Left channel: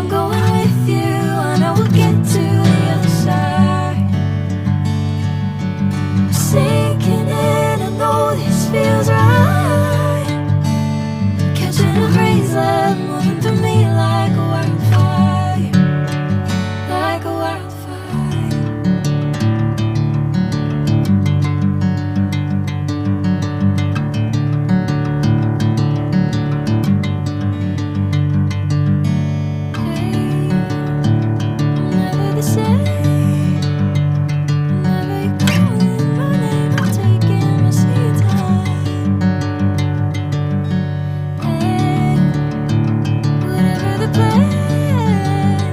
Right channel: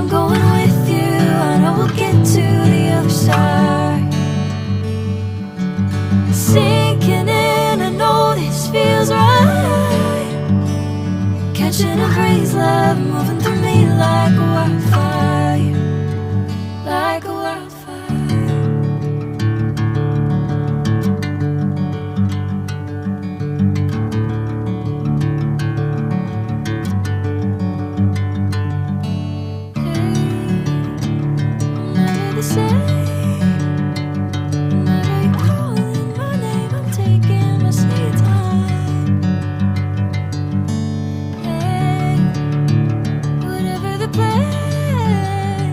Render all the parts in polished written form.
I'm going with you, I know we'll get to the other side. Sinking in, I know this feels right. Catching a crazy love, moving through me like a wildfire, like a wildfire. Hey, I'm never the same. Whenever you're calling my name, I'm taking my sweet time. Hey, whatever the plan,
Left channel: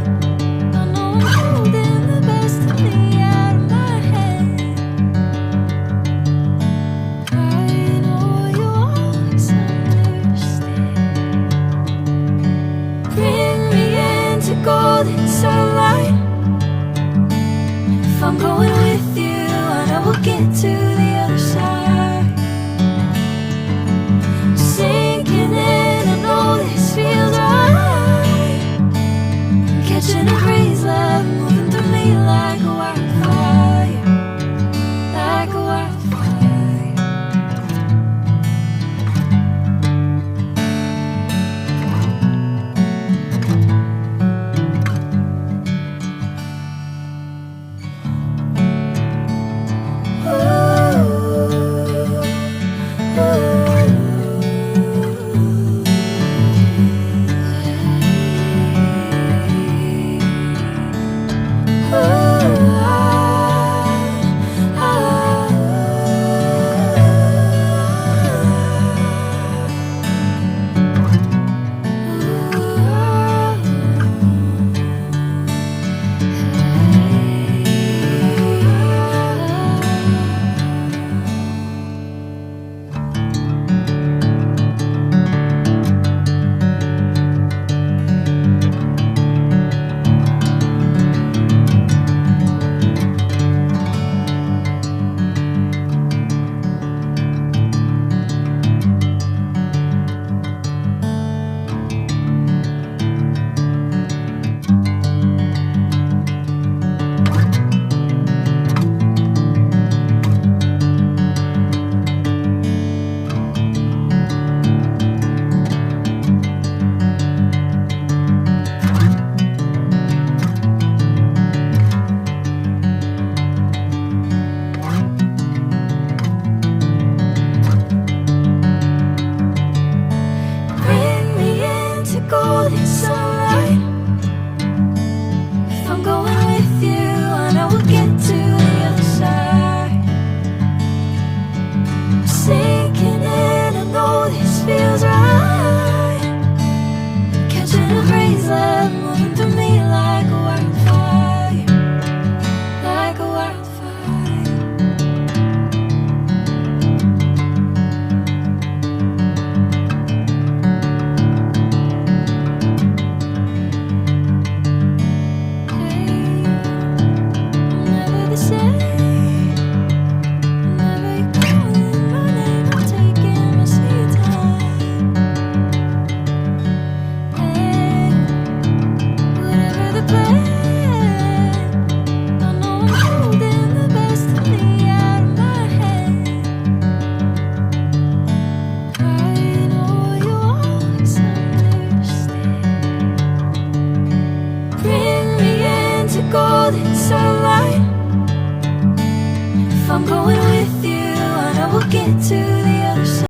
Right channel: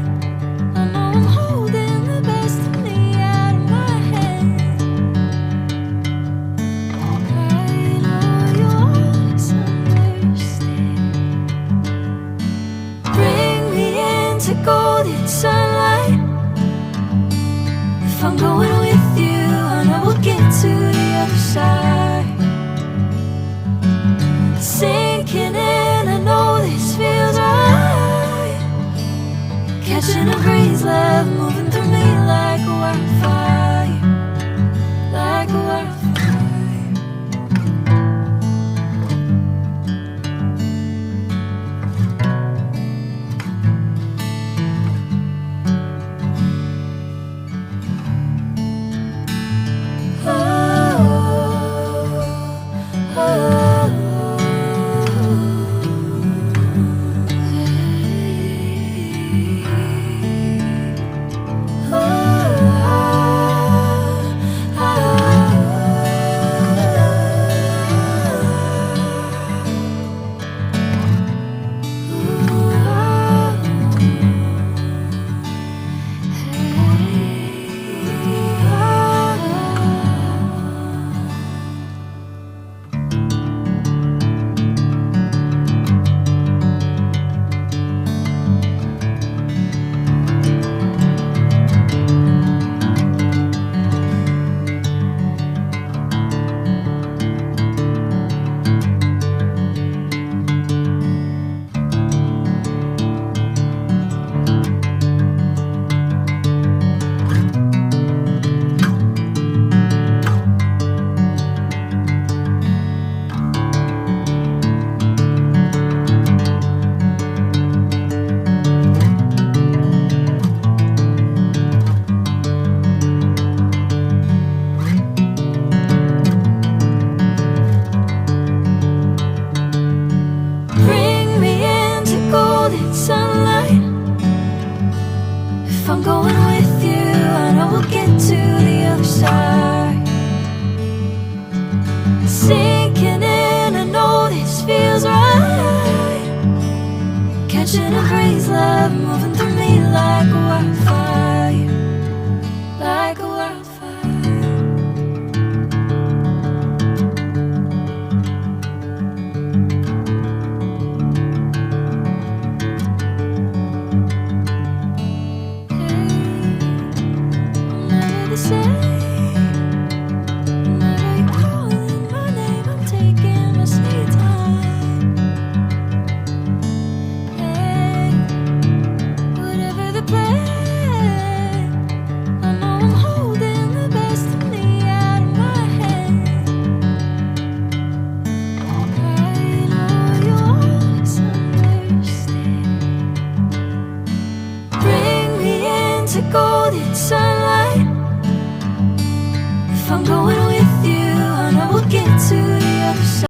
I know I'm holding the best of me out of my hand. I know you always understand. Bring me into golden sunlight. If I'm going with you, I know we'll get to the other side. Sinking in, I know this feels right. Catching a crazy love, moving through me like a wildfire, like a wildfire. Bring me into golden sunlight. If I'm going with you, I know we'll get to the other side. Sinking in, I know this feels right. Catching a crazy love, moving through me like a wildfire, like a wildfire. Hey, I'm never the same. Whenever you're calling my name, I'm taking my sweet time. Hey, whatever the plan, I know I'm holding the best of me out of my hand. I know you always understand. Bring me into golden sunlight. If I'm going with you, I know we'll get to the other